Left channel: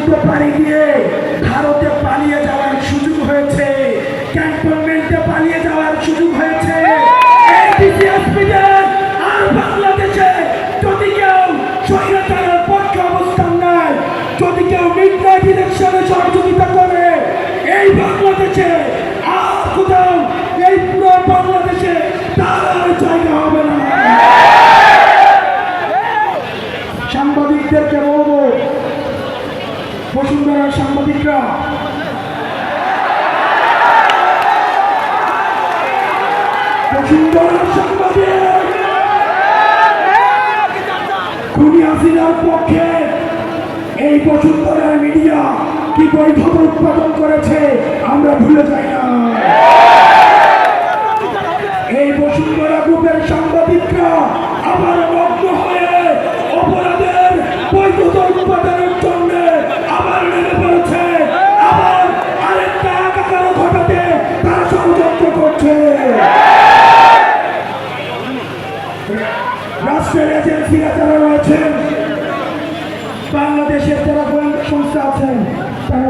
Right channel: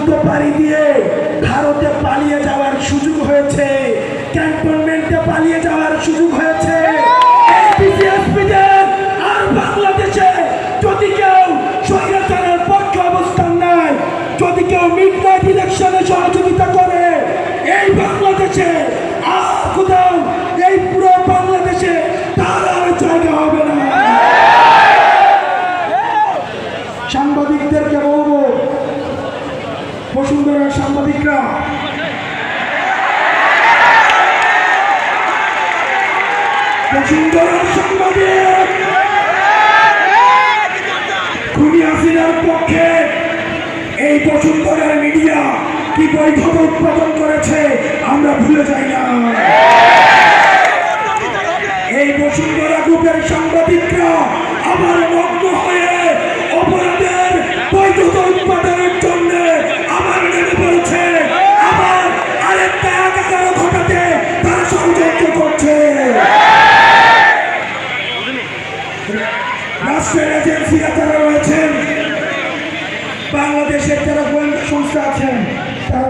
সমুদ্র পাড়ি দিয়ে ভারতে পালিয়ে যাওয়ার সুযোগ হয়েছে, ক্যান্টনমেন্টে পালিয়ে যাওয়ার সুযোগ হয়েছে। আর বাংলাদেশে যদি কেউ স্বৈরাচারের পক্ষে অবস্থান নেয়, যদি কেউ মিডনাইট ইলেকশনে সহযোগিতা করে, এই বাংলাদেশে আর কোথাও, এই পুরো বাংলাদেশে তার আর জায়গা হবে না। সাংবাদিকদেরকে বলবো, বসুন্ধরার সাংবাদিকরা, বসুন্ধরার সাংবাদিক খুনি হাসিনার পক্ষে এই বসুন্ধরার মিডিয়া কি বৈধতা উৎপাদন করেছে আমরা ভুলে যাই না। এই বসুন্ধরা গ্রুপের সাংবাদিকরা আবার মগ্ন হয়ে অপরাধের বৈধতা উৎপাদনের জন্য আবার নেমে পড়েছে, আবার আরেকটা একাকার ঘটাতে তারা ষড়যন্ত্র করছে। রাষ্ট্রের এজেন্সিরা যারা রয়েছেন, বাংলাদেশের যারা গোয়েন্দা সংস্থা আছেন, তারা